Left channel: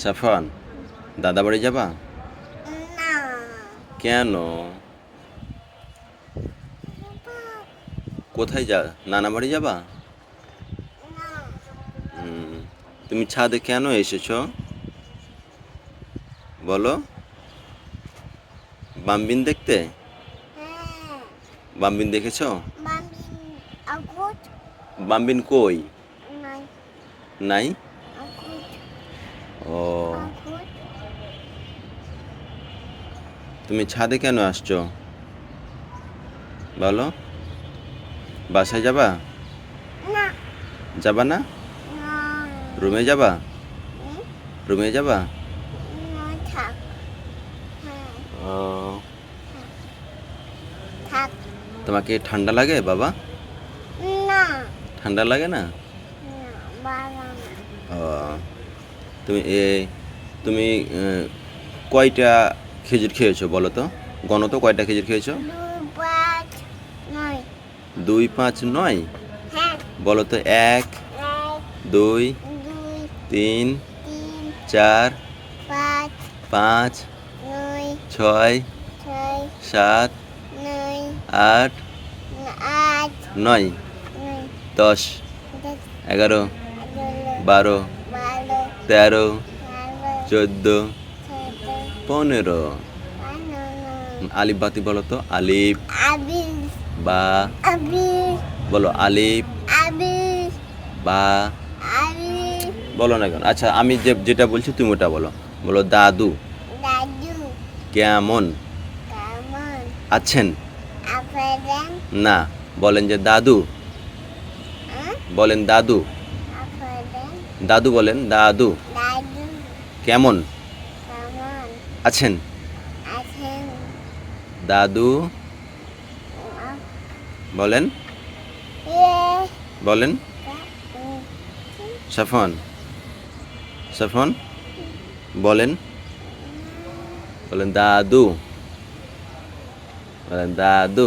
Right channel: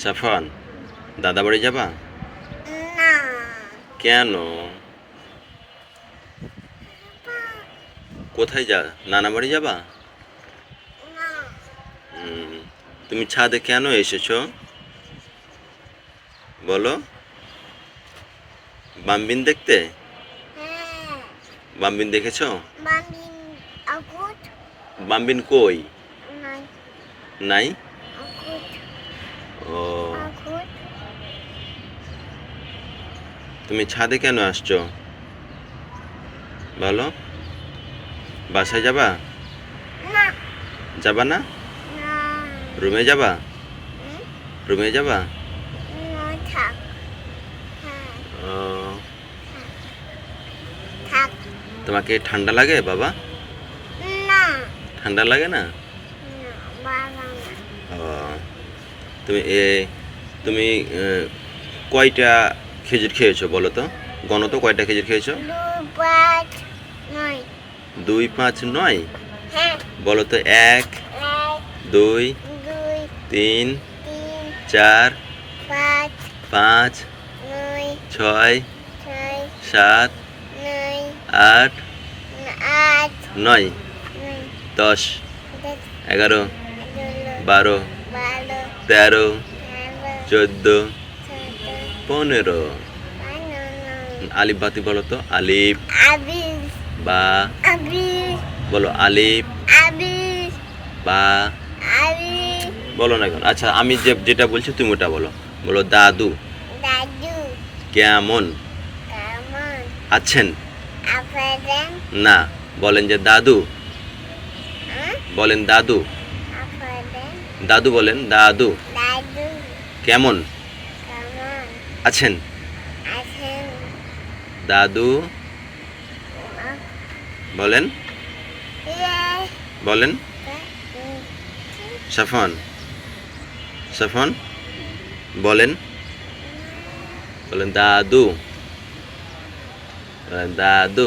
সাফন, দাদা বাড়ি যাবা? না। কেন? কোথায় যা নানা বাড়ি যাবা? না। তুমি ছাদে কেন এসেছো বলো? বাম্বিন দেখতে? হ্যাঁ। বাম্বিন দেখেছো? মামি আগুত বাম্বিন কই? নাই। নাই? আগুত ও, আগুত তুমি ছাদে কেন আসছো বলো? বাসায় যাবা? না। যাবা না? না। রুমে যাবা? হুম? রুমে যাবা? না, থাক। হ্যাঁ, ও, থাক। তোমাকে ঠান্ডা লাগে বাবা? না। ঠান্ডা লাগে না? না, বাবা না। ও, তুমি তুমি কয়টা খেজুর খেয়েছো বলো তো? গণ তো, কয়টা খেজুর খেয়েছো? 2, 5, 9। 2, 5, 9? হ্যাঁ। বলো তো। 1, 1, 2, 2, 3, 3, 4, 5, 5, 9, 6, 6, 7, 9, 8, 8, 9, 9, 10, 10, 11, 11, 12, 12, 13, 13, 14, 14, 15। 15। আলিফ বাতি বলো তো। আলিফ আবির, বা, আবির, বলো আলিফ আবির, বা, আবির, বলো না কেন? আচ্ছা, আমি যেটা বলছি তুমি ওটা বলো। বলো দাদু দাদু, কেমন কেমন আছেন? আছেন? না, বলেন যে দাদু। হ্যাঁ? বলেন দাদু। আছেন? দাদু বলেন, দাদু দাদু, কেমন কেমন আছেন? আছেন? দাদু বলেন, ইয়ে, বলেন। উম, সাফন, সাফন বলেন, বলেন দাদু, বলেন দাদু।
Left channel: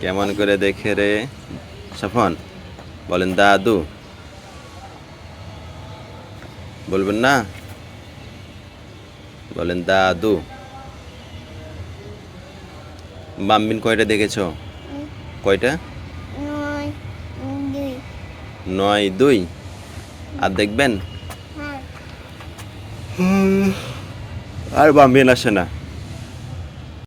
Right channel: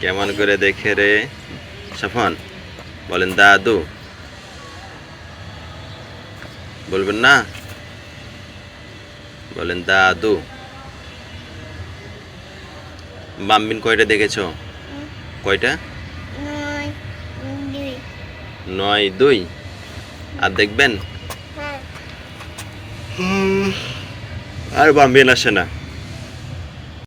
কেমন করে দেখে রে সাফন? বলেন দাদু। বলবেন না? বলেন দাদু। বাম্বিন কয়টা দেখেছো? কয়টা? 9, 2। 9, 2। আর দেখবেন? হ্যাঁ। আর বাম্বিন আসে না।